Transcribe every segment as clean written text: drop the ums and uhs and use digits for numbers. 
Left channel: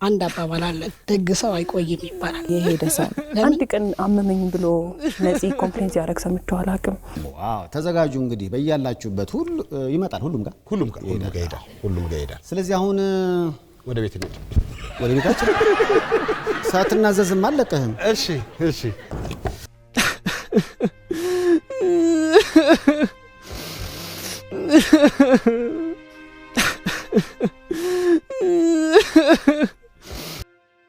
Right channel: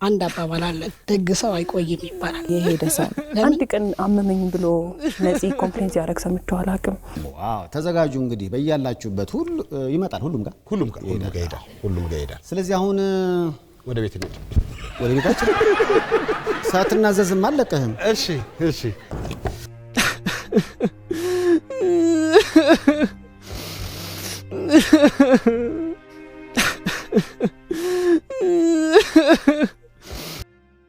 አንድ አባባል አለ ደግ ሰው አይቆይም ይባላል። የሄደ ሰው አንድ ቀን አመመኝ ብሎ ነፂ ኮምፕሌንት ያረግ ሰምቼው አላውቅም። ዋው ተዘጋጁ እንግዲህ በእያላችሁበት ሁሉ ይመጣል ሁሉም ጋር ይሄዳል። ስለዚህ አሁን ወደ ቤት እንሂድ። ወደ ቤታችን ሳትናዘዝም አለቀህም። እሺ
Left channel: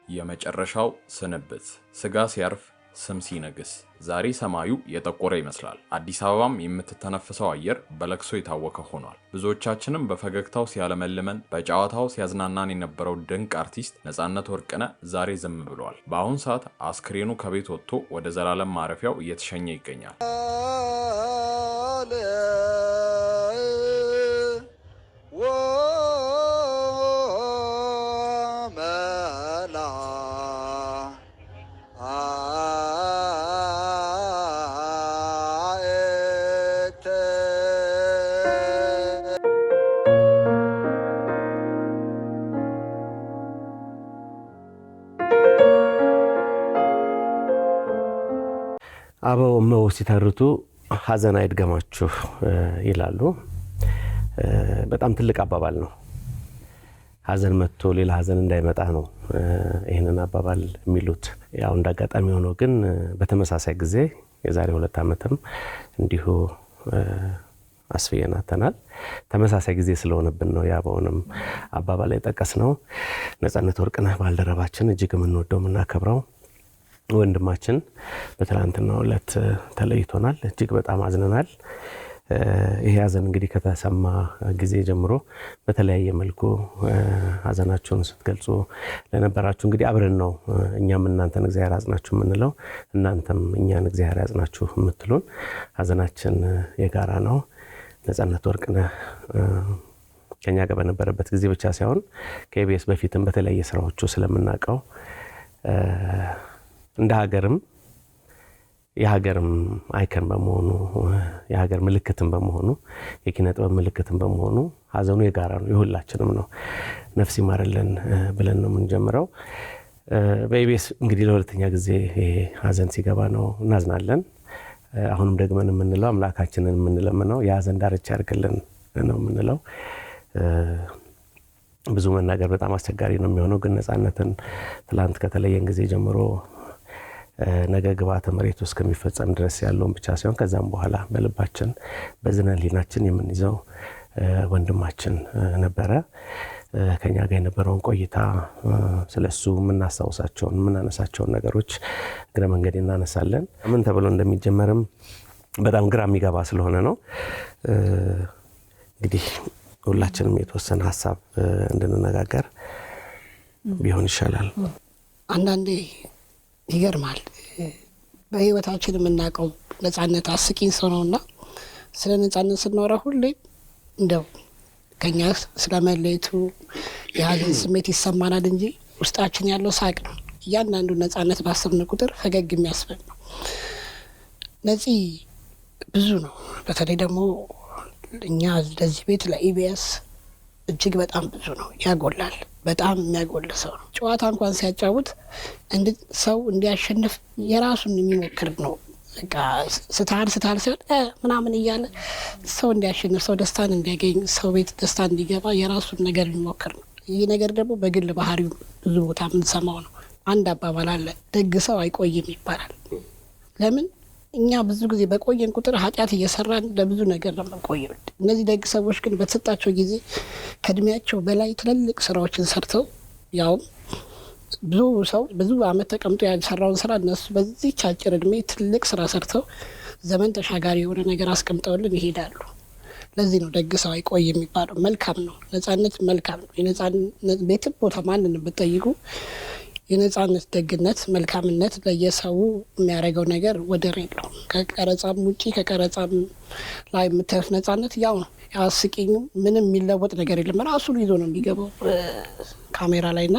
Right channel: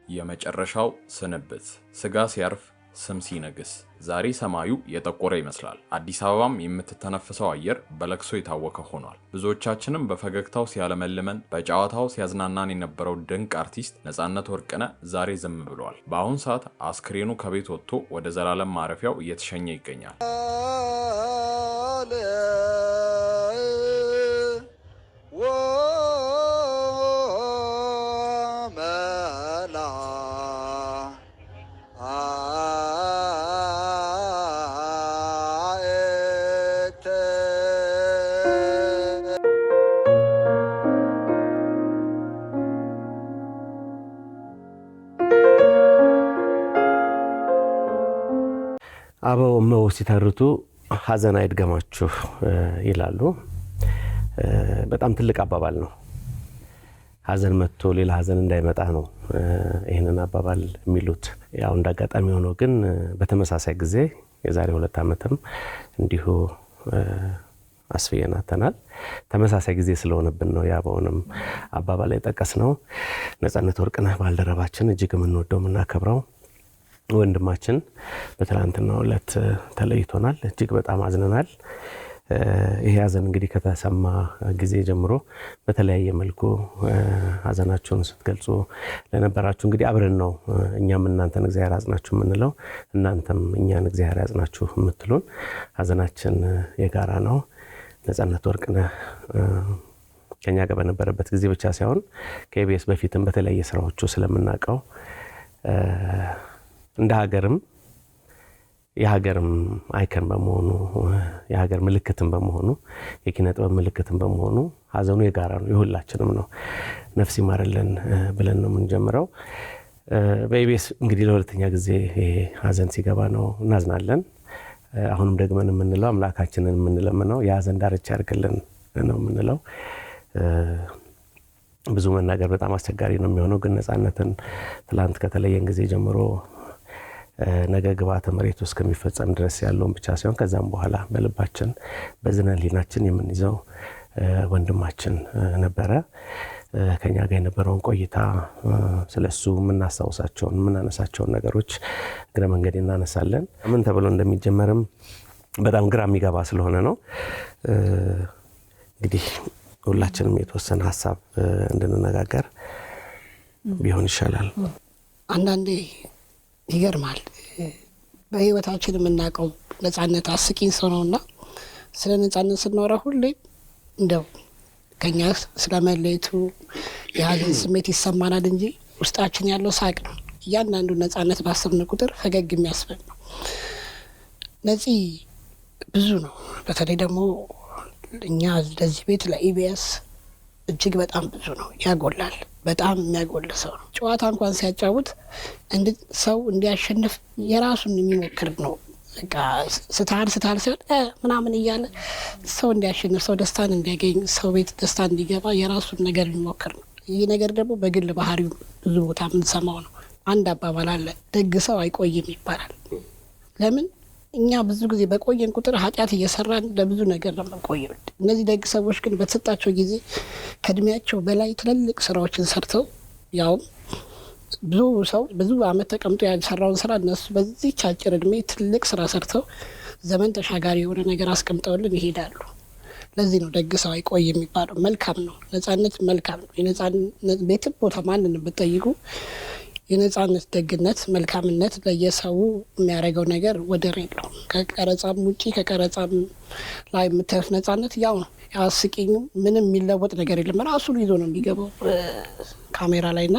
የመጨረሻው ስንብት ስጋ ሲያርፍ ስም ሲነግስ ዛሬ ሰማዩ የጠቆረ ይመስላል። አዲስ አበባም የምትተነፍሰው አየር በለቅሶ የታወከ ሆኗል። ብዙዎቻችንም በፈገግታው ሲያለመልመን በጨዋታው ሲያዝናናን የነበረው ድንቅ አርቲስት ነጻነት ወርቅነህ ዛሬ ዝም ብሏል። በአሁን ሰዓት አስክሬኑ ከቤት ወጥቶ ወደ ዘላለም ማረፊያው እየተሸኘ ይገኛል። አበው መው ሲተርቱ ሐዘን አይድገማችሁ ይላሉ። በጣም ትልቅ አባባል ነው። ሐዘን መጥቶ ሌላ ሐዘን እንዳይመጣ ነው ይሄንን አባባል የሚሉት። ያው እንዳጋጣሚ ሆኖ ግን በተመሳሳይ ጊዜ የዛሬ 2 ዓመትም እንዲሁ አስፈየናተናል። ተመሳሳይ ጊዜ ስለሆነብን ነው ያበውንም አባባል የጠቀስነው። ነጻነት ወርቅነህ ባልደረባችን እጅግ የምንወደው የምናከብረው ወንድማችን በትላንትናው ዕለት ተለይቶናል። እጅግ በጣም አዝነናል። ይሄ ሐዘን እንግዲህ ከተሰማ ጊዜ ጀምሮ በተለያየ መልኩ ሐዘናችሁን ስትገልጹ ለነበራችሁ እንግዲህ አብረን ነው እኛም እናንተን እግዚአብሔር ያጽናችሁ የምንለው፣ እናንተም እኛን እግዚአብሔር ያጽናችሁ የምትሉን። ሐዘናችን የጋራ ነው። ነጻነት ወርቅነህ ከኛ ጋር በነበረበት ጊዜ ብቻ ሳይሆን ከኢቢኤስ በፊትም በተለያየ ስራዎቹ ስለምናውቀው እንደ የሀገርም አይከን በመሆኑ የሀገር ምልክትም በመሆኑ የኪነ ጥበብ ምልክትም በመሆኑ ሐዘኑ የጋራ ነው፣ የሁላችንም ነው። ነፍስ ይማርልን ብለን ነው የምንጀምረው። በኢቢኤስ እንግዲህ ለሁለተኛ ጊዜ ሐዘን ሲገባ ነው እናዝናለን። አሁንም ደግመን የምንለው አምላካችንን የምንለምነው የሐዘን ዳርቻ ያርግልን ነው የምንለው። ብዙ መናገር በጣም አስቸጋሪ ነው የሚሆነው፣ ግን ነጻነትን ትላንት ከተለየን ጊዜ ጀምሮ ነገ ግብዓተ መሬቱ እስከሚፈጸም ድረስ ያለውን ብቻ ሳይሆን ከዛም በኋላ በልባችን በዝነ ህሊናችን የምንይዘው ወንድማችን ነበረ። ከኛ ጋር የነበረውን ቆይታ ስለሱ የምናስታውሳቸውን የምናነሳቸውን ነገሮች እግረ መንገድ እናነሳለን። ምን ተብሎ እንደሚጀመርም በጣም ግራ የሚገባ ስለሆነ ነው። እንግዲህ ሁላችንም የተወሰነ ሐሳብ እንድንነጋገር ቢሆን ይሻላል። አንዳንዴ ይገርማል። በህይወታችን የምናውቀው ነጻነት አስቂኝ ሰው ነውና ስለ ነጻነት ስናወራ ሁሌ እንደው ከኛ ስለመለየቱ የሐዘን ስሜት ይሰማናል እንጂ ውስጣችን ያለው ሳቅ ነው። እያንዳንዱ ነጻነት ባሰብን ቁጥር ፈገግ የሚያስብል ነው። ነፂ ብዙ ነው። በተለይ ደግሞ እኛ ለዚህ ቤት ለኢቢኤስ እጅግ በጣም ብዙ ነው። ያጎላል። በጣም የሚያጎል ሰው ነው። ጨዋታ እንኳን ሲያጫውት ሰው እንዲያሸንፍ የራሱን የሚሞክር ነው። በቃ ስታል ሲሆን ምናምን እያለ ሰው እንዲያሸንፍ፣ ሰው ደስታን እንዲያገኝ፣ ሰው ቤት ደስታ እንዲገባ የራሱን ነገር የሚሞክር ነው። ይህ ነገር ደግሞ በግል ባህሪው ብዙ ቦታ የምንሰማው ነው። አንድ አባባል አለ ደግ ሰው አይቆይም ይባላል። ለምን? እኛ ብዙ ጊዜ በቆየን ቁጥር ኃጢአት እየሰራን ለብዙ ነገር ነው የምንቆየው። እነዚህ ደግ ሰዎች ግን በተሰጣቸው ጊዜ ከእድሜያቸው በላይ ትልልቅ ስራዎችን ሰርተው ያው ብዙ ሰው ብዙ ዓመት ተቀምጦ ያልሰራውን ስራ እነሱ በዚህ አጭር እድሜ ትልቅ ስራ ሰርተው ዘመን ተሻጋሪ የሆነ ነገር አስቀምጠውልን ይሄዳሉ። ለዚህ ነው ደግ ሰው አይቆይም የሚባለው። መልካም ነው ነጻነት፣ መልካም ነው የነጻነት ቤትም ቦታ ማንንም ብትጠይቁ የነጻነት ደግነት፣ መልካምነት ለየሰው የሚያደርገው ነገር ወደር የለውም። ከቀረጻም ውጪ ከቀረጻም ላይ የምታዩት ነጻነት ያው ነው። ያስቂኝ ምንም የሚለወጥ ነገር የለም። ራሱን ይዞ ነው የሚገባው ካሜራ ላይና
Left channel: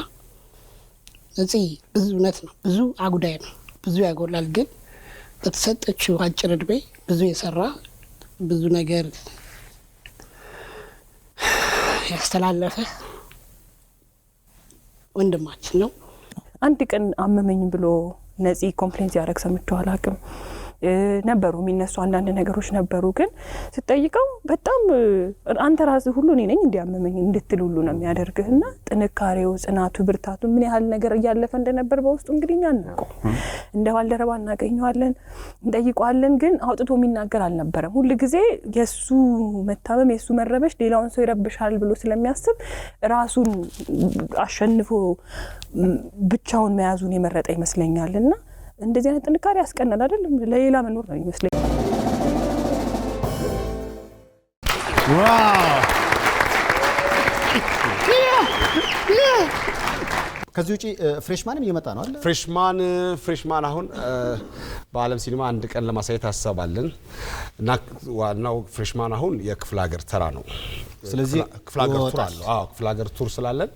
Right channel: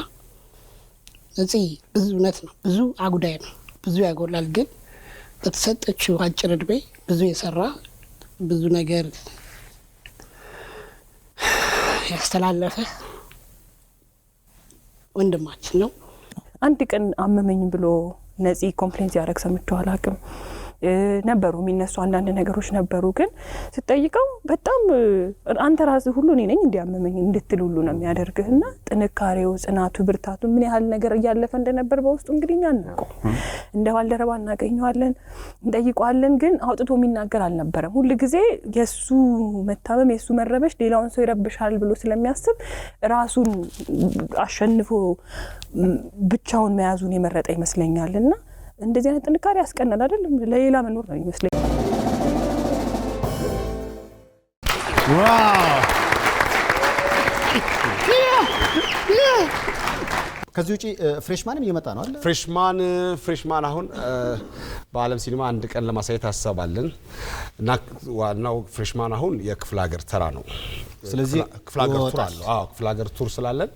ነፂ ብዙ እውነት ነው፣ ብዙ አጉዳይ ነው፣ ብዙ ያጎላል። ግን በተሰጠችው አጭር እድሜ ብዙ የሰራ ብዙ ነገር ያስተላለፈ ወንድማችን ነው። አንድ ቀን አመመኝ ብሎ ነፂ ኮምፕሌንት ያደረግ ሰምቼው አላውቅም። ነበሩ የሚነሱ አንዳንድ ነገሮች ነበሩ፣ ግን ስትጠይቀው በጣም አንተ ራስህ ሁሉ እኔ ነኝ እንዲያመመኝ እንድትል ሁሉ ነው የሚያደርግህና ጥንካሬው፣ ጽናቱ፣ ብርታቱ ምን ያህል ነገር እያለፈ እንደነበር በውስጡ እንግዲህ እኛ እናውቀው እንደ ባልደረባ እናገኘዋለን፣ እንጠይቀዋለን፣ ግን አውጥቶ የሚናገር አልነበረም። ሁሉ ጊዜ የሱ መታመም የሱ መረበሽ ሌላውን ሰው ይረብሻል ብሎ ስለሚያስብ ራሱን አሸንፎ ብቻውን መያዙን የመረጠ ይመስለኛልና እንደዚህ አይነት ጥንካሬ ያስቀናል አይደል? ለሌላ መኖር ነው ይመስለኝ። ዋው! ከዚህ ውጪ ፍሬሽማንም እየመጣ ነው አይደል? ፍሬሽማን አሁን በአለም ሲኒማ አንድ ቀን ለማሳየት አሰባለን እና ዋናው ፍሬሽማን አሁን የክፍለ ሀገር ተራ ነው። ስለዚህ ክፍለ ሀገር ቱር አለው። ክፍለ ሀገር ቱር ስላለን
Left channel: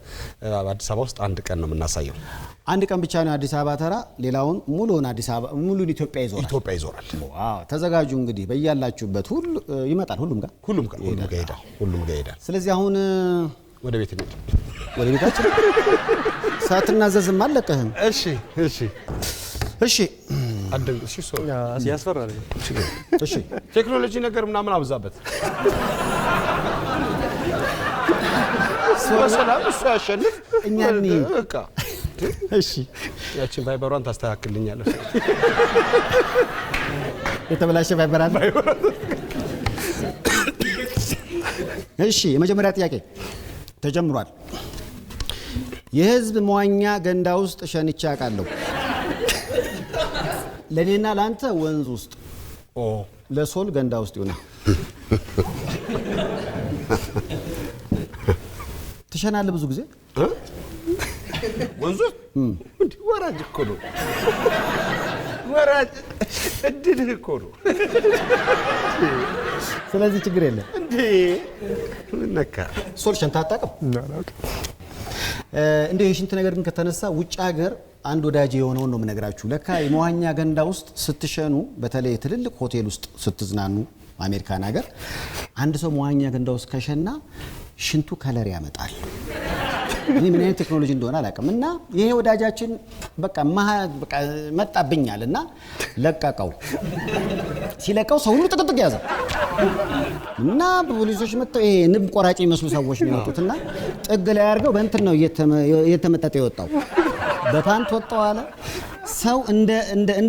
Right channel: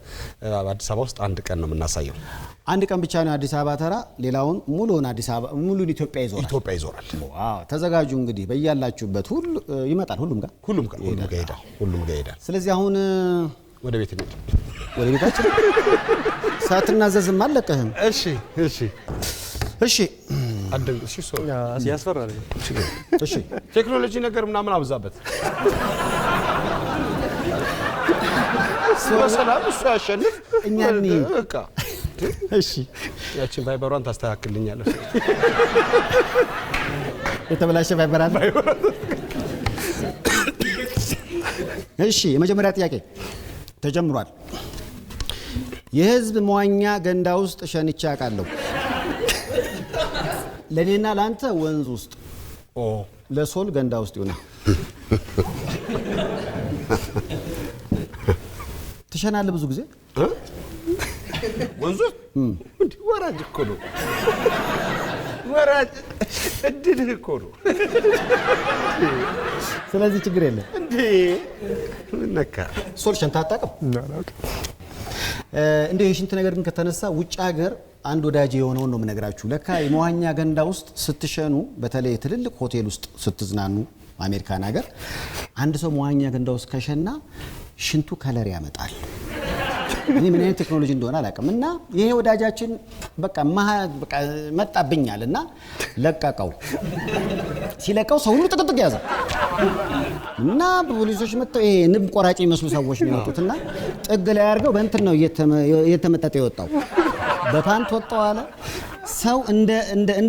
አዲስ አበባ ውስጥ አንድ ቀን ነው የምናሳየው። አንድ ቀን ብቻ ነው አዲስ አበባ ተራ፣ ሌላውን ሙሉውን አዲስ አበባ ሙሉን ኢትዮጵያ ይዞራል። ዋው! ተዘጋጁ እንግዲህ በእያላችሁበት ሁሉ ይመጣል። ሁሉም ጋር ይሄዳል። ስለዚህ አሁን ወደ ቤት እንሂድ። ወደ ቤታችን ሳትናዘዝም አለቀህም። እሺ አደንግሽ ሰው ያስፈራል። እሺ ቴክኖሎጂ ነገር ምናምን አብዛበት። ሰላም እሱ ያሸንፍ እኛ በቃ እሺ ያቺን ቫይበሯን ታስተካክልኛለህ። የተበላሸ ቫይበራን። እሺ የመጀመሪያ ጥያቄ ተጀምሯል። የህዝብ መዋኛ ገንዳ ውስጥ ሸንቻ አውቃለሁ። ለኔና ላንተ ወንዝ ውስጥ ለሶል ገንዳ ውስጥ ይሆናል። ትሸናለህ ብዙ ጊዜ ወንዙ እንዴ? ወራጅ እኮ ነው። ወራጅ እድልህ እኮ ነው። ስለዚህ ችግር የለም እንዴ? ነካ ሶል ሸንታ አታውቅም? እንዴ የሽንት ነገር ግን ከተነሳ ውጭ ሀገር አንድ ወዳጅ የሆነውን ነው የምነግራችሁ። ለካ የመዋኛ ገንዳ ውስጥ ስትሸኑ፣ በተለይ ትልልቅ ሆቴል ውስጥ ስትዝናኑ አሜሪካን ሀገር አንድ ሰው መዋኛ ገንዳ ውስጥ ከሸና ሽንቱ ከለር ያመጣል። እኔ ምን አይነት ቴክኖሎጂ እንደሆነ አላውቅም። እና ይሄ ወዳጃችን በቃ መጣብኛል እና ለቀቀው። ሲለቀው ሰው ሁሉ ጥቅጥቅ ያዘ እና ፖሊሶች መጥተው ይሄ ንብ ቆራጭ የሚመስሉ ሰዎች ነው የመጡትና ጥግ ላይ አድርገው በእንትን ነው እየተመጠጠ የወጣው። በፓንት ወጣው አለ ሰው እንደ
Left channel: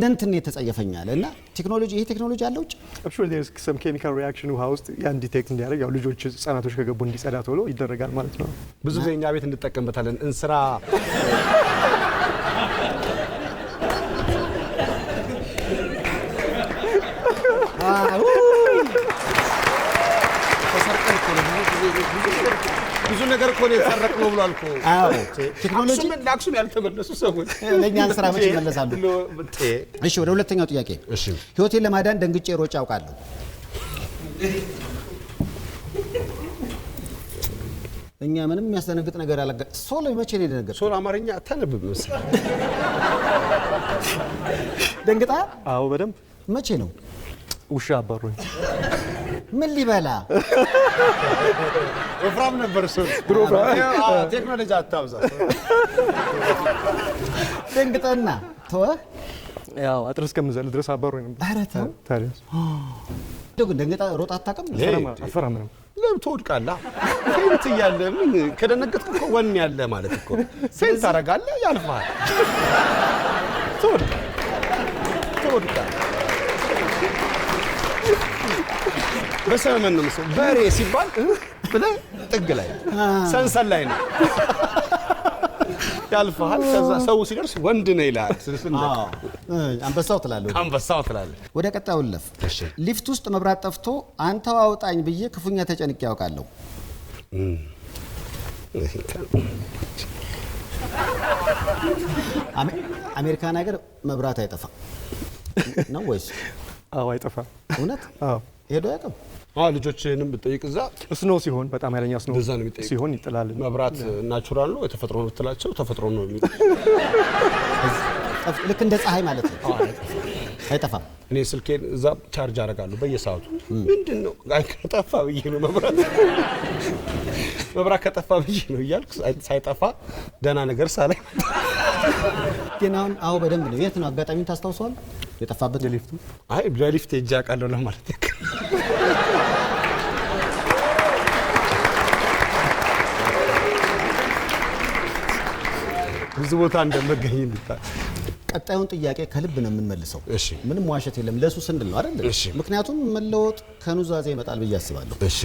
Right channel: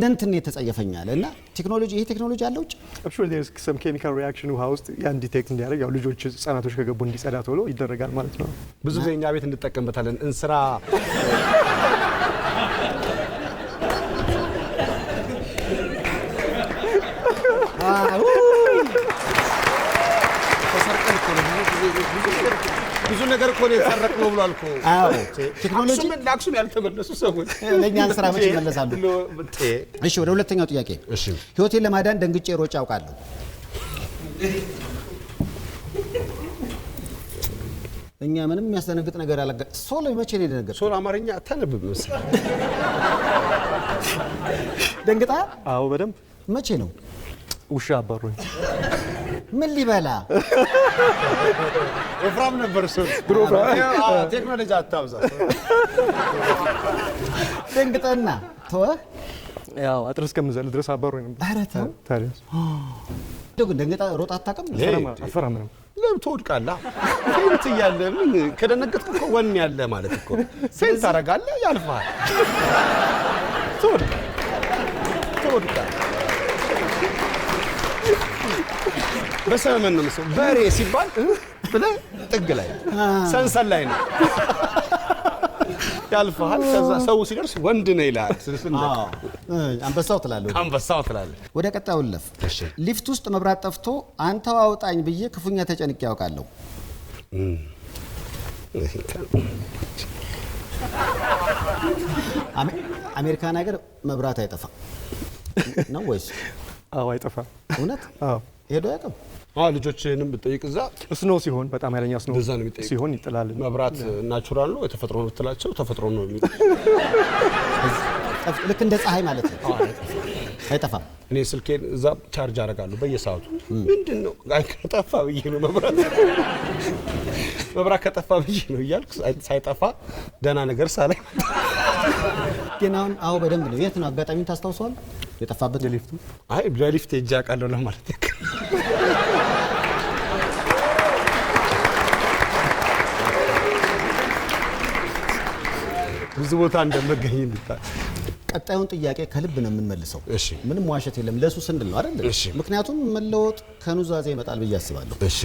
እንትን የተጸየፈኛል። እና ቴክኖሎጂ ይሄ ቴክኖሎጂ አለ ውጭ actually there's some chemical reaction ውሃ ውስጥ ያን ዲቴክት እንዲያደርግ ያው ልጆች ህጻናቶች ከገቡ እንዲጸዳ ቶሎ ይደረጋል ማለት ነው። ብዙ ጊዜ እኛ ቤት እንጠቀምበታለን። እንስራ ብዙ ነገር እኮ ነው የሰረቅነው ብሏል እኮ። አዎ ቴክኖሎጂ ለአክሱም ያልተመለሱ ሰዎች ለእኛን ስራ መቼ ይመለሳሉ? እሺ ወደ ሁለተኛው ጥያቄ። እሺ ህይወቴን ለማዳን ደንግጬ ሮጬ አውቃለሁ። እኛ ምንም የሚያስደነግጥ ነገር አላጋ ሶል መቼ ነው የደነገጠው? ሶል አማርኛ አታነብም መሰለኝ። ደንግጣ? አዎ በደንብ። መቼ ነው? ውሻ አባሮኝ። ምን ሊበላ ወፍራም ነበር ሶል። ቴክኖሎጂ አታብዛ። ደንግጠና ተወህ? ያው አጥር እስከምዘል ድረስ አባሮኝ ነበር። ኧረ ተው ታዲያ ግን ደንግጣ ሮጣ አታውቅም? አፈራም ነው። ለምን ትወድቃለህ? ፌንት እያለ ምን ከደነገጥክ እኮ ወኔ ያለ ማለት እኮ ፌንት ታደርጋለህ፣ ያልፋል። ትወድቃለህ። በሰመመን ነው መሰለኝ በሬ ሲባል ብለህ ጥግ ላይ ሰንሰል ላይ ነው ያልፋል። ከዛ ሰው ሲደርስ ወንድ ነው ይላል። አንበሳው ትላለህ። ወደ ቀጣዩ ልለፍ። ሊፍት ውስጥ መብራት ጠፍቶ አንተው አውጣኝ ብዬ ክፉኛ ተጨንቄ ያውቃለሁ። አሜሪካን ሀገር መብራት አይጠፋም ነው ወይስ? አዎ አይጠፋም። እውነት? አዎ ሄዶ ያውቃል። ልጆችህንም ብትጠይቅ እዛ ስኖ ሲሆን በጣም ኃይለኛ ስኖ ሲሆን ይጥላል። መብራት ናቹራል ነው የተፈጥሮ ነው ትላቸው ተፈጥሮ ነው ልክ እንደ ፀሐይ ማለት ነው። አይጠፋም። እኔ ስልኬን እዛ ቻርጅ አደርጋለሁ በየሰዓቱ። ምንድነው ከጠፋ ብዬ ነው መብራት መብራት ከጠፋ ብዬ ነው እያልኩ ሳይጠፋ ደህና ነገር ሳላይ ግን አዎ በደንብ ነው። የት ነው አጋጣሚ ታስታውሰዋል? የጠፋበት ሊፍቱ? አይ በሊፍት ሄጄ አውቃለሁ ለማለት ያክል። ብዙ ቦታ እንደመገኝ እንድታ ቀጣዩን ጥያቄ ከልብ ነው የምንመልሰው። እሺ ምንም ዋሸት የለም። ለሱ ስንድል ነው አይደል? እሺ ምክንያቱም መለወጥ ከኑዛዜ ይመጣል ብዬ አስባለሁ። እሺ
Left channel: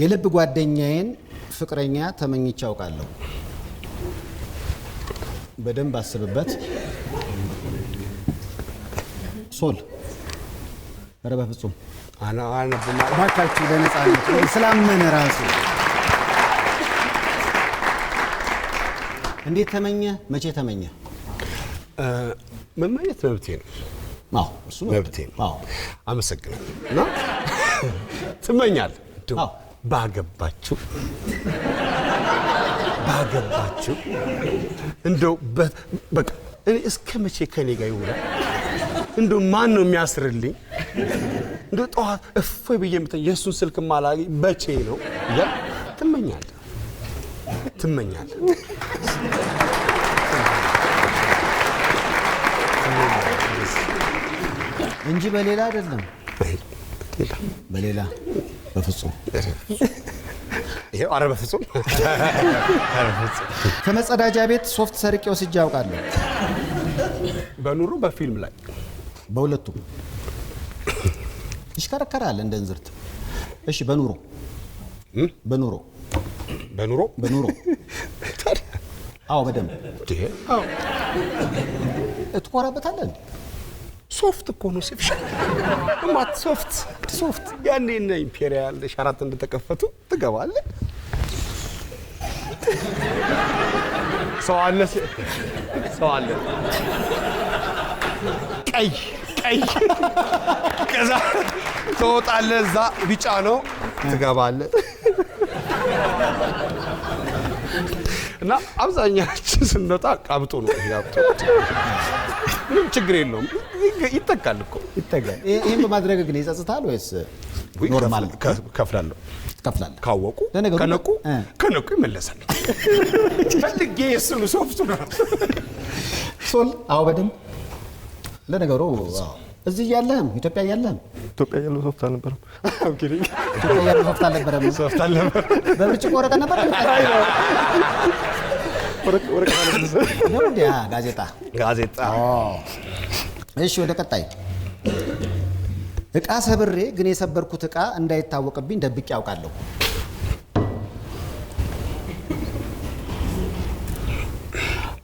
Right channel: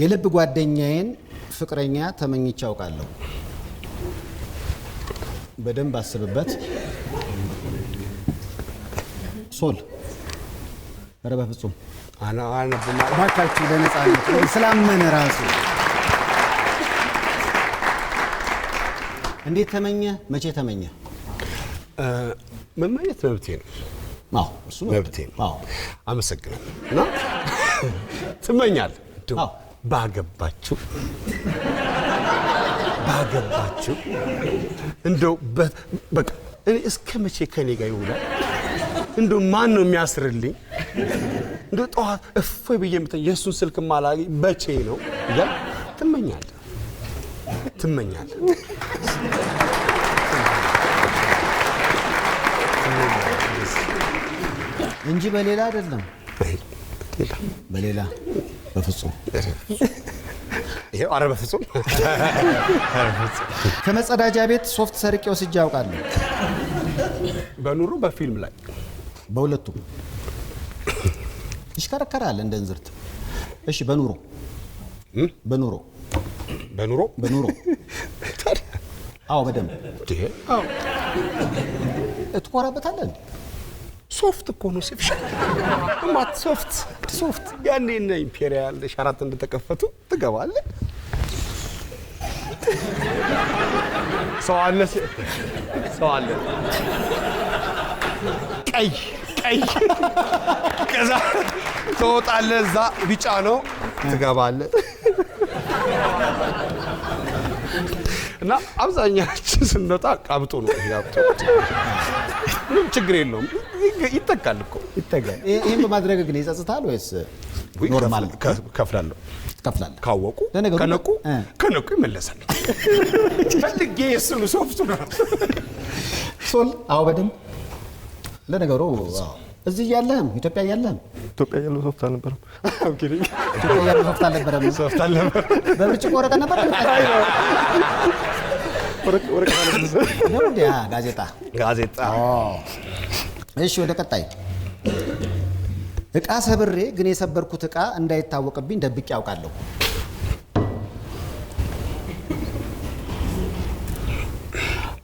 የልብ ጓደኛዬን ፍቅረኛ ተመኝቼ አውቃለሁ። በደንብ አስብበት። ሶል ኧረ በፍጹም አና ባካችሁ ለነጻነት ስላመነ ራሱ እንዴት ተመኘ? መቼ ተመኘ? መመኘት መብቴ ነው። አዎ እሱ መብቴ ነው። አዎ አመሰግናለሁ። እና ትመኛለህ? አዎ ባገባችሁ እንደው በቃ እኔ እስከ መቼ ከኔ ጋር ይውላል? እንደው ማን ነው የሚያስርልኝ? እንደው ጠዋት እፎይ ብዬ የእሱን ስልክ ማላገኝ በቼ ነው ያ ትመኛለህ እንጂ በሌላ አይደለም። በሌላ በፍጹም ይሄው ኧረ በፍጹም ከመጸዳጃ ቤት ሶፍት ሰርቄ ወስጄ አውቃለሁ። በኑሮ በፊልም ላይ በሁለቱም ይሽከረከራል እንደ እንዝርት። እሺ በኑሮ አዎ በደንብ አዎ እትኮራበታለህ እንዴ? ሶፍት እኮ ነው ሲፍሽ ማት ሶፍት ያኔ እና ኢምፔሪያል ሻራት እንደተከፈቱ ትገባለህ። ሰው አለ ቀይ ከዛ ትወጣለህ። እዛ ቢጫ ነው ትገባለህ። እና አብዛኛችን ስንወጣ ቃብጦ ነው ያብጦ። ምንም ችግር የለውም። ይተካል እኮ ይተካል። ይሄን በማድረግ ግን ይጸጽታል ወይስ ኖርማል? ከፍላለሁ ካወቁ ከነቁ ይመለሳል። ፈልጌ የእሱን ሶፍቱ ነው ሶል። አዎ በደንብ ለነገሩ እዚህ እያለህም ኢትዮጵያ እያለህም ያለው ሶፍት አልነበረም። ኢትዮጵያ ያለው ሶፍት አልነበረም። በብርጭቆ ወረቀት ነበር ነው እንዴ? ጋዜጣ። እሺ ወደ ቀጣይ። እቃ ሰብሬ ግን የሰበርኩት እቃ እንዳይታወቅብኝ ደብቄ ያውቃለሁ።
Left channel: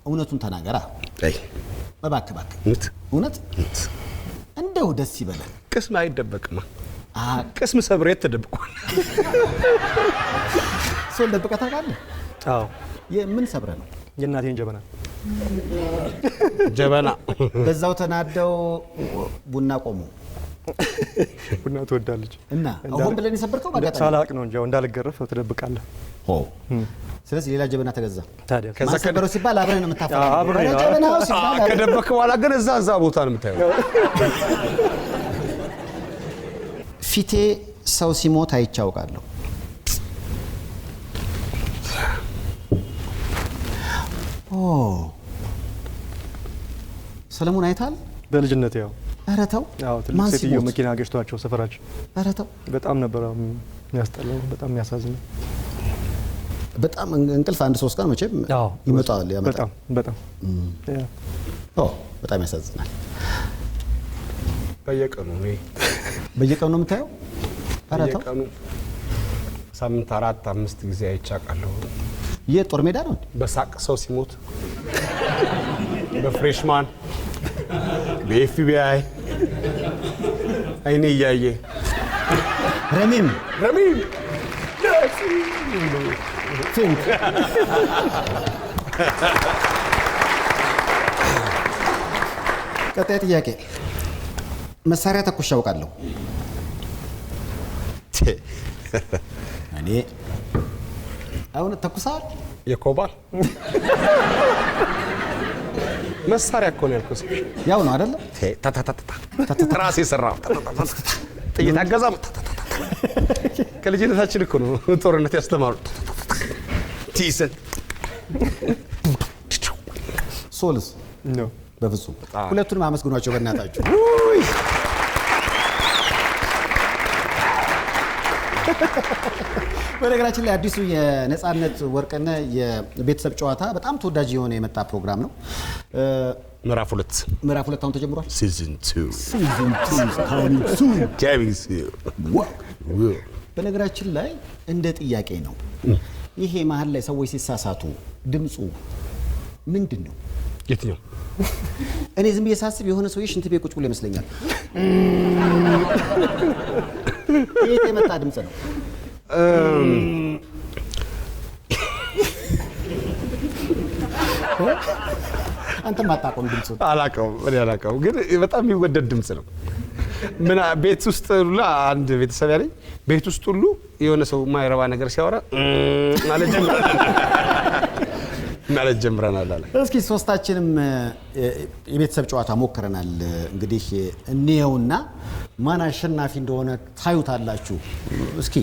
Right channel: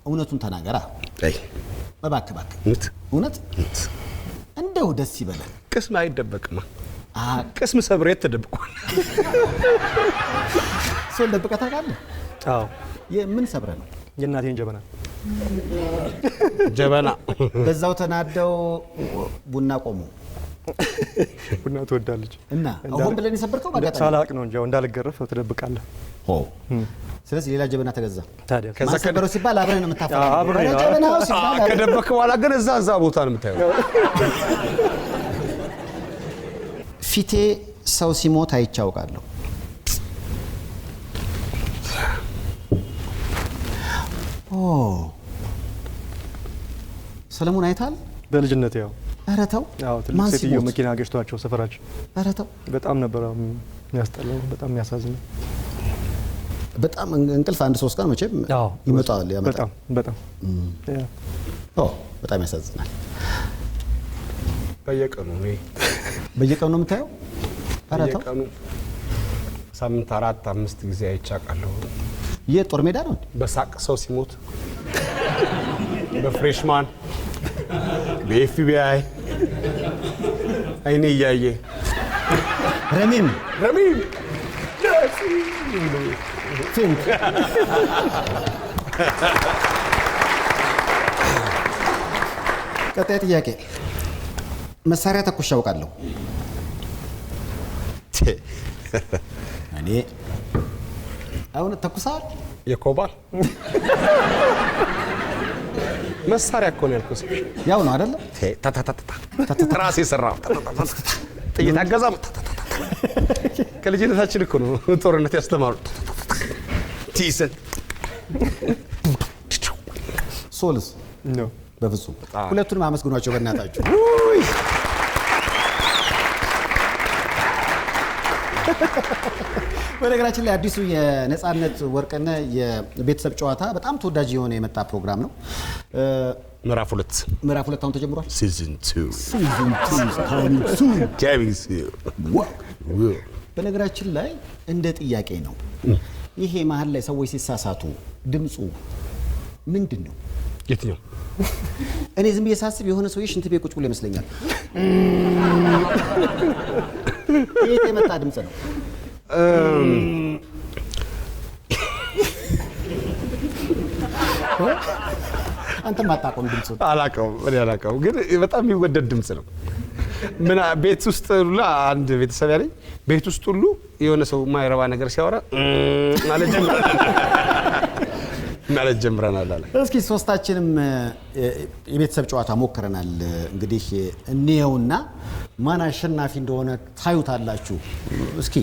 እውነቱን ተናገራ። እባክህ እውነት እንደው ደስ ይበላል። ቅስም አይደበቅማ። ቅስም ሰብሬ ተደብቋል። ሶል ደብቀህ ታውቃለህ? አዎ። ምን ሰብረህ ነው? የእናቴን ጀበና በዛው ተናደው ቡና ቆሙ። ቡና ትወዳለች እና አሁን ብለን የሰበርከው ማለት ሳላቅ ነው እንጂ እንዳልገረፍ ትደብቃለህ። ስለዚህ ሌላ ጀበና ተገዛ። ታዲያ ከዛ ከበሮ ሲባል አብረን ነው የምታፈራው። ጀበናው ሲባል ከደበከ በኋላ ግን እዛ ቦታ ነው የምታየው። ፊቴ ሰው ሲሞት አይቻውቃለሁ። ሰለሞን አይታል? በልጅነት ያው ኧረ ተው። አዎ ትልቅ ሴትዮ መኪና ገጭቷቸው ሰፈራችን። ኧረ ተው። በጣም ነበር የሚያስጠላው፣ በጣም የሚያሳዝነው። በጣም እንቅልፍ አንድ 3 ቀን መቼም ይመጣል። በጣም በጣም ያሳዝናል። በየቀኑ ነው የምታየው? ኧረ ተው። በየቀኑ ሳምንት 4-5 ጊዜ አይቻቃለሁ። የጦር ሜዳ ነው በሳቅ ሰው ሲሞት፣ በፍሬሽማን፣ በኤፍቢአይ አይኔ እያየ ረሚም ፊንክ ቀጣይ ጥያቄ። መሳሪያ ተኩሼ አውቃለሁ። እኔ አሁን ተኩሳል። የኮባ መሳሪያ እኮ ነው ያልኩት። ያው ነው አይደለ? ራሴ ሰራው ጥይት አገዛም ከልጅነታችን እኮ ነው ጦርነት ያስተማሩ። ቲሰን ሶልስ ነው በፍጹም ሁለቱንም አመስግኗቸው በእናታችሁ። በነገራችን ላይ አዲሱ የነጻነት ወርቅነህ የቤተሰብ ጨዋታ በጣም ተወዳጅ የሆነ የመጣ ፕሮግራም ነው። ምዕራፍ 2 አሁን ተጀምሯል። ሲዝን 2 በነገራችን ላይ እንደ ጥያቄ ነው ይሄ መሀል ላይ ሰዎች ሲሳሳቱ ድምፁ ምንድን ነው? የትኛው? እኔ ዝም ብዬ ሳስብ የሆነ ሰውዬ ሽንት ቤት ቁጭ ብሎ ይመስለኛል። ይሄ የመጣ ድምፅ ነው። አንተም አታውቀውም ድምፁን? አላውቀውም፣ ግን በጣም የሚወደድ ድምፅ ነው። ምን ቤት ውስጥ ሁሉ አንድ ቤተሰብ ያለኝ ቤት ውስጥ ሁሉ የሆነ ሰው የማይረባ ነገር ሲያወራ ማለት ጀምረናል አለ። እስኪ ሶስታችንም የቤተሰብ ጨዋታ ሞክረናል። እንግዲህ እንየውና ማን አሸናፊ እንደሆነ ታዩታላችሁ። እስኪ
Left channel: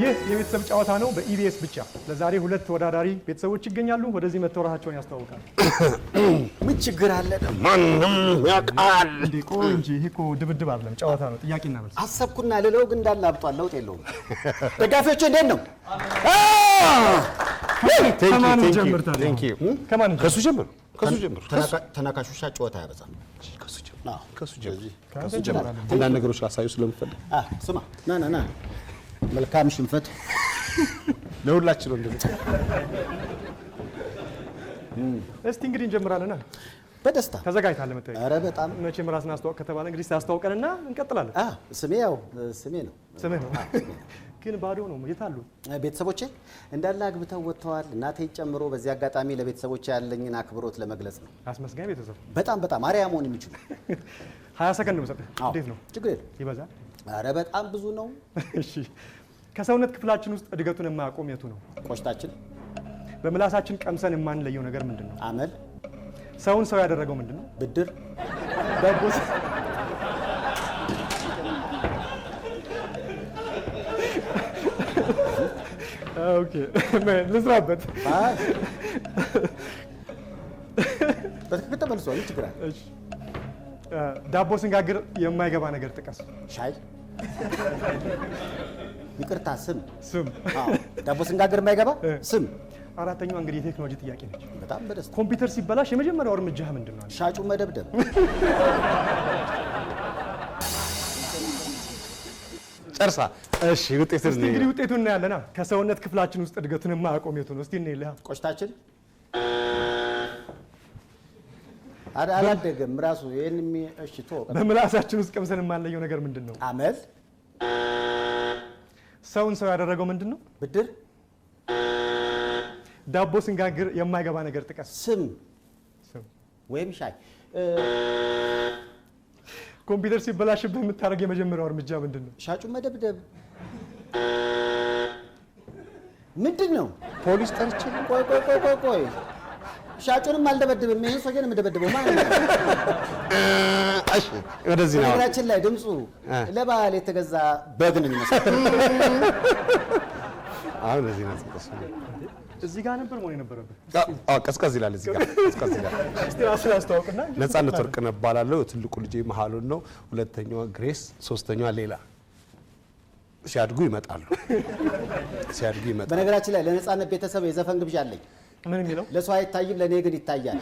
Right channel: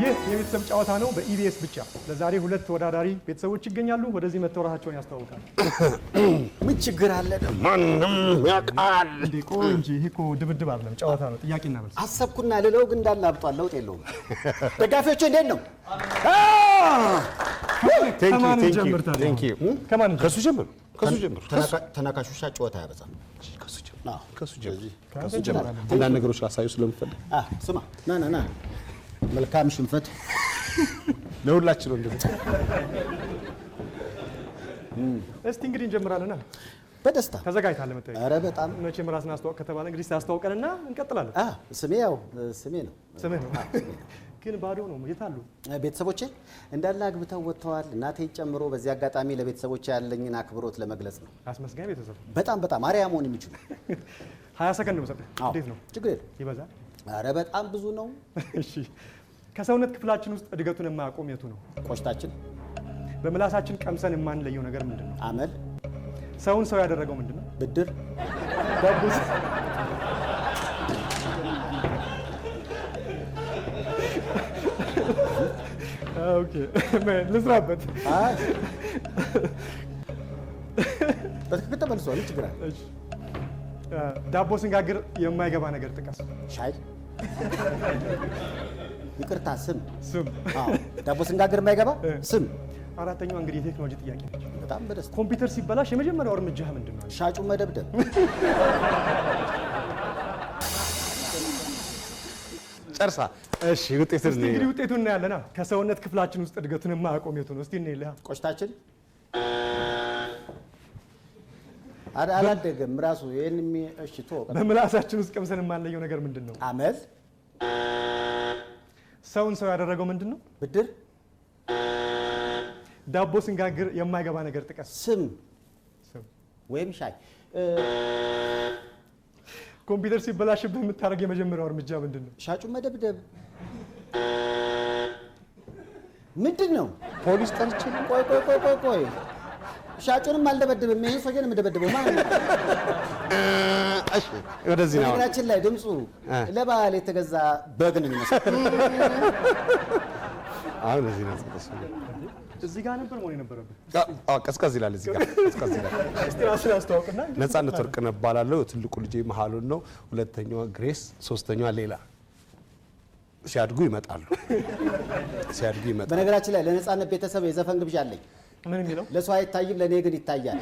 ይህ የቤተሰብ ጨዋታ ነው በኢቢኤስ ብቻ። ለዛሬ 2 ተወዳዳሪ ቤተሰቦች ይገኛሉ። ወደዚህ መጥተው ራሳቸውን ያስተዋውቃሉ። ምን ችግር አለ? ማንም ያውቃል እንዴ? ቆይ እንጂ ይሄ እኮ ድብድብ አይደለም፣ ጨዋታ ነው። ጥያቄና መልስ። አሰብኩና ልለው ግን እንዳለ አብጧል። ለውጥ የለውም። ደጋፊዎቹ እንዴት ነው? ከማን ጀምር ታዲያ? ከማን ጀምር? ከሱ ጀምር። ተናካሹሻ ጨዋታ ያበዛል። ከሱ ጀምር። አንዳንድ ነገሮች ላሳዩ ስለምፈልግ ስማ፣ ና መልካም ሽንፈት ለሁላችን ነው እንደዚህ። እስቲ እንግዲህ እንጀምራለን። በደስታ ተዘጋጅታለህ መጠየቅ? ኧረ በጣም መቼም ራስን አስተዋውቅ ከተባለ እንግዲህ ታስተዋውቀንና እንቀጥላለን። ስሜ ነው። ስምህ ነው ግን ባዶ ነው። የት አሉ ቤተሰቦቼ? እንዳለ አግብተው ወጥተዋል፣ እናቴን ጨምሮ። በዚህ አጋጣሚ ለቤተሰቦቼ ያለኝን አክብሮት ለመግለጽ ነው። አስመስጋኝ ቤተሰብ። በጣም አርአያ መሆን የሚችሉ 20 ሰከንድ ነው የምሰጥህ። እንዴት ነው? ችግር የለም። ይበዛል? ኧረ በጣም ብዙ ነው። እሺ፣ ከሰውነት ክፍላችን ውስጥ እድገቱን የማያቆም የቱ ነው? ቆሽታችን። በምላሳችን ቀምሰን የማንለየው ነገር ምንድን ነው? አመል። ሰውን ሰው ያደረገው ምንድን ነው? ብድር። ዳቦስ? ኦኬ፣ ልስራበት። በትክክል ተመልሷል። ችግር አለ? እሺ፣ ዳቦ ስንጋግር የማይገባ ነገር ጥቀስ። ሻይ። ይቅርታ፣ ስም። ዳቦ ስንጋግር የማይገባ ስም። አራተኛው እንግዲህ የቴክኖሎጂ ጥያቄ ነች። በጣም በደስታ። ኮምፒውተር ሲበላሽ የመጀመሪያው እርምጃህ ምንድን ነው? ሻጩን መደብደብ። ጨርሳ። እሺ፣ ውጤቱን እንግዲህ ውጤቱን እናያለና። ከሰውነት ክፍላችን ውስጥ እድገቱን የማያቆም የቱ ነው? እስቲ እንይልህ። ቆሽታችን። አላደገም ራሱ። ይሄን እሺ፣ በምላሳችን ውስጥ ቀምሰን የማንለየው ነገር ምንድን ነው? አመል። ሰውን ሰው ያደረገው ምንድን ነው? ብድር። ዳቦ ስንጋግር የማይገባ ነገር ጥቀስ። ስም ወይም ሻይ። ኮምፒውተር ሲበላሽብህ የምታደርግ የመጀመሪያው እርምጃ ምንድን ነው? ሻጩን መደብደብ። ምንድን ነው? ፖሊስ ጠርቼ። ቆይ ሻጩንም አልደበድብም። ይሄን ሰው ግን የምደበድበው ማለት ነው። እሺ፣ ወደዚህ ነው። ነገራችን ላይ ድምፁ ለበዓል የተገዛ በግ ነው የሚመስለው። አሁን እዚህ ነው። እዚህ ጋር ነበር መሆን የነበረብህ። ቀዝቀዝ ይላል። እዚህ ጋር ቀዝቀዝ ይላል። እስቲ ራስህን አስተዋውቅና። ነጻነት ወርቅነህ እባላለሁ። ትልቁ ልጄ መሀሉን ነው። ሁለተኛዋ ግሬስ፣ ሶስተኛዋ ሌላ። ሲያድጉ ይመጣሉ። በነገራችን ላይ ለነጻነት ቤተሰብ የዘፈን ግብዣ አለኝ። ምን የሚለው? ለሰው አይታይም፣ ለእኔ ግን ይታያል።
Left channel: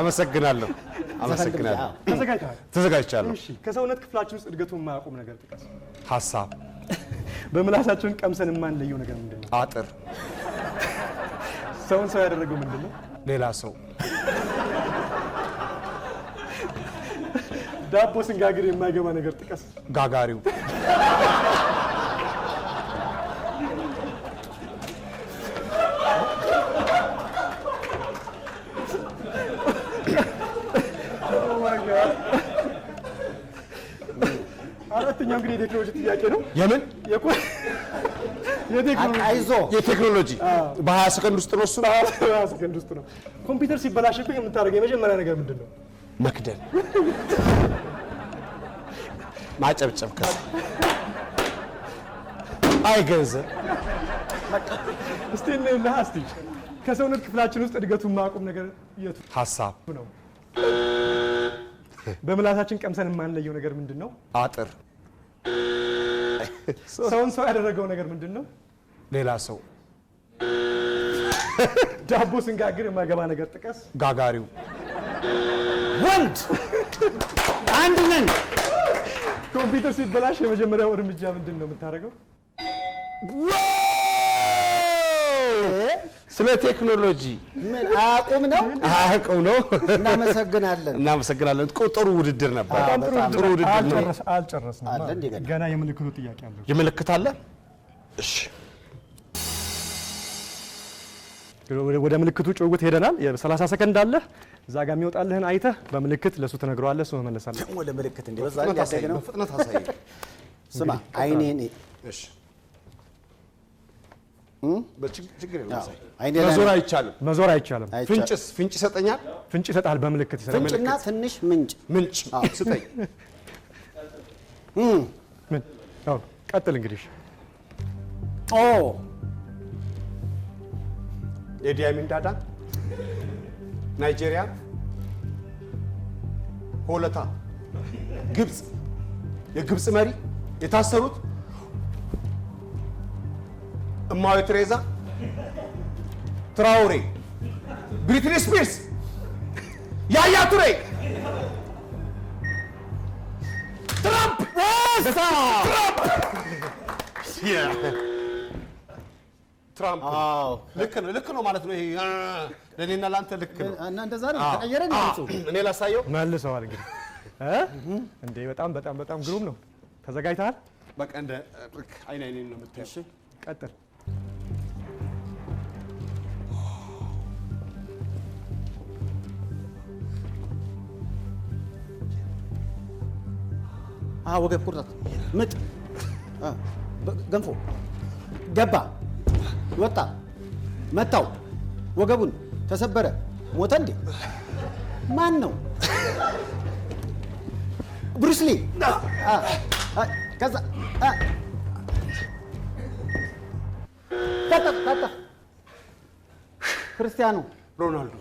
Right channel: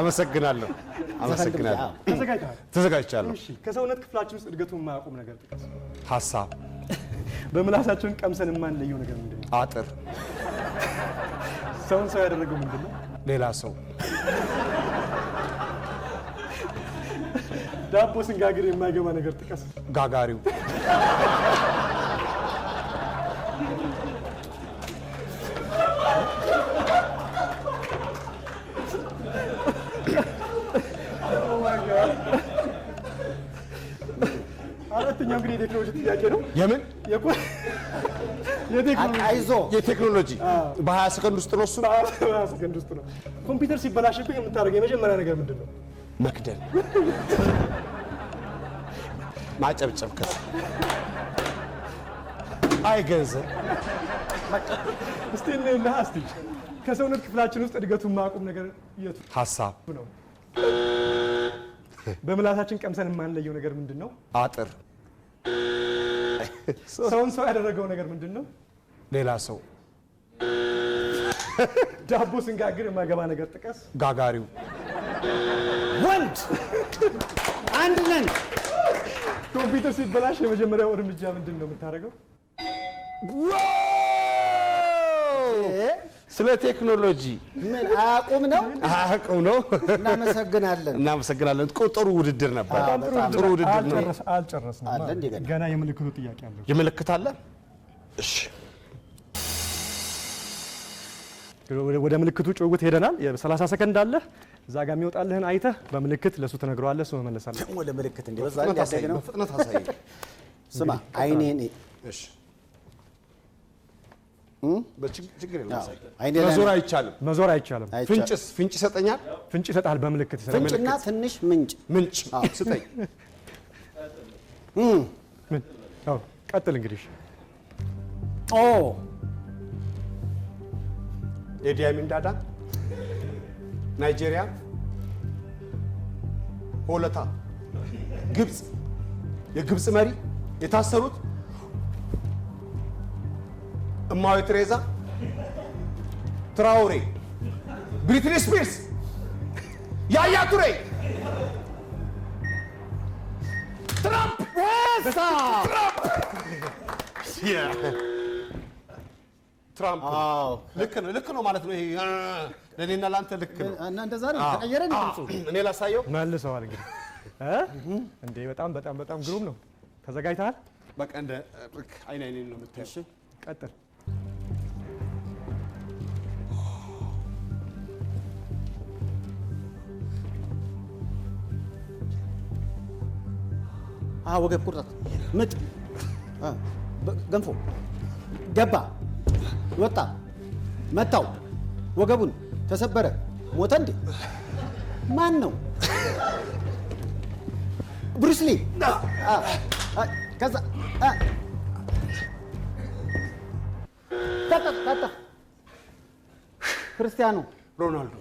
አመሰግናለሁ። ተዘጋጅቻለሁ። እሺ፣ ከሰውነት ክፍላችን ውስጥ እድገቱን የማያቆም ነገር ጥቀስ። ሀሳብ። በምላሳችን ቀምሰን የማንለየው ነገር ምንድን ነው? አጥር። ሰውን ሰው ያደረገው ምንድን ነው? ሌላ ሰው። ዳቦ ስንጋግር የማይገባ ነገር ጥቀስ። ጋጋሪው። አራተኛው እንግዲህ የቴክኖሎጂ ጥያቄ ነው። የምን? የቴክኖሎጂ በ20 ሰከንድ ውስጥ ነው። እሱ 20 ሰከንድ ውስጥ ነው። ኮምፒውተር ሲበላሽብህ የምታደርገው የመጀመሪያ ነገር ምንድን ነው? መክደን ማጨብጨብ አይ ገንዘብ እስቲ እንላ እስቲ ከሰውነት ክፍላችን ውስጥ እድገቱን ማቆም ነገር የቱ ሀሳብ ነው? በምላሳችን ቀምሰን የማንለየው ነገር ምንድን ነው? አጥር ሰውን ሰው ያደረገው ነገር ምንድን ነው? ሌላ ሰው ዳቦ ስንጋግር የማይገባ ነገር ጥቀስ። ጋጋሪው ወንድ አንድ ነን። ኮምፒውተር ሲበላሽ የመጀመሪያው እርምጃ ምንድን ነው የምታደርገው? ስለ ቴክኖሎጂ ምን አያውቁም ነው? አያውቁም ነው። እናመሰግናለን። ጥሩ ውድድር ነበር። ጥሩ ውድድር ነው። አልጨረስንም። አለ እንዴ ገና የምልክቱ ጥያቄ አለ። የምልክት አለ። እሺ ወደ ምልክቱ ጭውውት ሄደናል። የ30 ሰከንድ አለ። እዛ ጋር የሚወጣልህን አይተህ በምልክት ለሱ ትነግረዋለህ። እሱ መመለሳለህ። ወደ ምልክት እንደ በዛ ያደገ ነው። በፍጥነት አሳይ። ስማ አይኔን እሺ በችግር የለም። አሳይ። አይኔ መዞር አይቻልም። መዞር አይቻልም። ፍንጭ ይሰጠኛል። ፍንጭ ይሰጣል። በምልክት ይሰጣል። ፍንጭና ትንሽ ምንጭ ስጠኝ። ምን? አዎ ቀጥል እንግዲህ። ኦ ኢዲ አሚን ዳዳ ናይጄሪያ፣ ሆለታ፣ ግብጽ፣ የግብጽ መሪ የታሰሩት እማዊ ትሬዛ፣ ትራውሬ፣ ብሪትኒ ስፒርስ፣ ያያ ቱሬ፣ ትራምፕ ትራምፕ ልክ ነው ማለት ነው። ይሄ ለኔና ላንተ ልክ ነው እና እንደዛ ነው ተቀየረ ነው። እኔ ላሳየው መልሰዋል እንግዲህ እንዴ በጣም ግሩም ነው። ተዘጋጅተሃል? በቃ እንደ አይኔ ነው የምታየው። እሺ ቀጥል። ወገብ ቁርጠት፣ ምጥ፣ ገንፎ፣ ገባ፣ ወጣ፣ መታው፣ ወገቡን ተሰበረ፣ ሞተ። እንዴ ማን ነው? ብሩስ ሊ። ከዛ ታጣ ክርስቲያኖ ሮናልዶ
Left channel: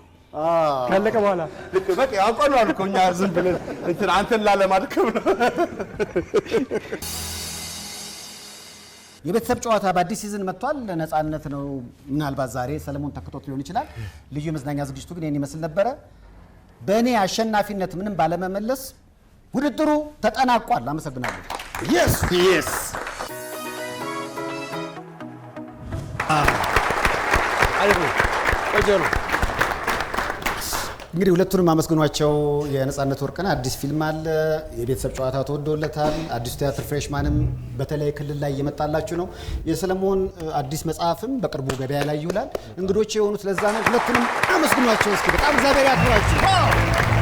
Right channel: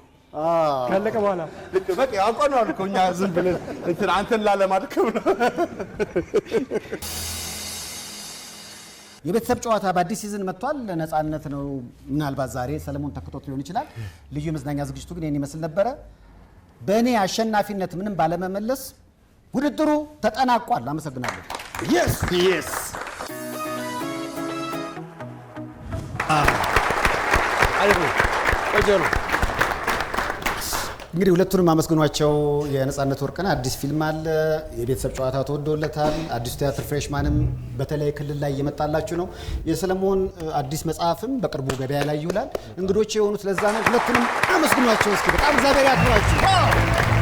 ካለቀ በኋላ ልክ በቃ ያውቀናል እኮ እኛ ዝም ብለን እንትን አንተን ላለማድከም ነው። የቤተሰብ ጨዋታ በአዲስ ሲዝን መጥቷል። ነፃነት ነው። ምናልባት ዛሬ ሰለሞን ተክቶት ሊሆን ይችላል። ልዩ የመዝናኛ ዝግጅቱ ግን ይህን ይመስል ነበረ። በእኔ አሸናፊነት ምንም ባለመመለስ ውድድሩ ተጠናቋል። አመሰግናለሁ። የስ ቆንጆ ነው። እንግዲህ ሁለቱንም አመስግኗቸው። የነፃነት ወርቅነህ አዲስ ፊልም አለ። የቤተሰብ ጨዋታ ተወዶለታል። አዲሱ ቲያትር ፍሬሽማንም በተለይ ክልል ላይ እየመጣላችሁ ነው። የሰለሞን አዲስ መጽሐፍም በቅርቡ ገበያ ላይ ይውላል። እንግዶች የሆኑት ለዛ ነው። ሁለቱንም አመስግኗቸው እስኪ። በጣም እግዚአብሔር ያክብራችሁ።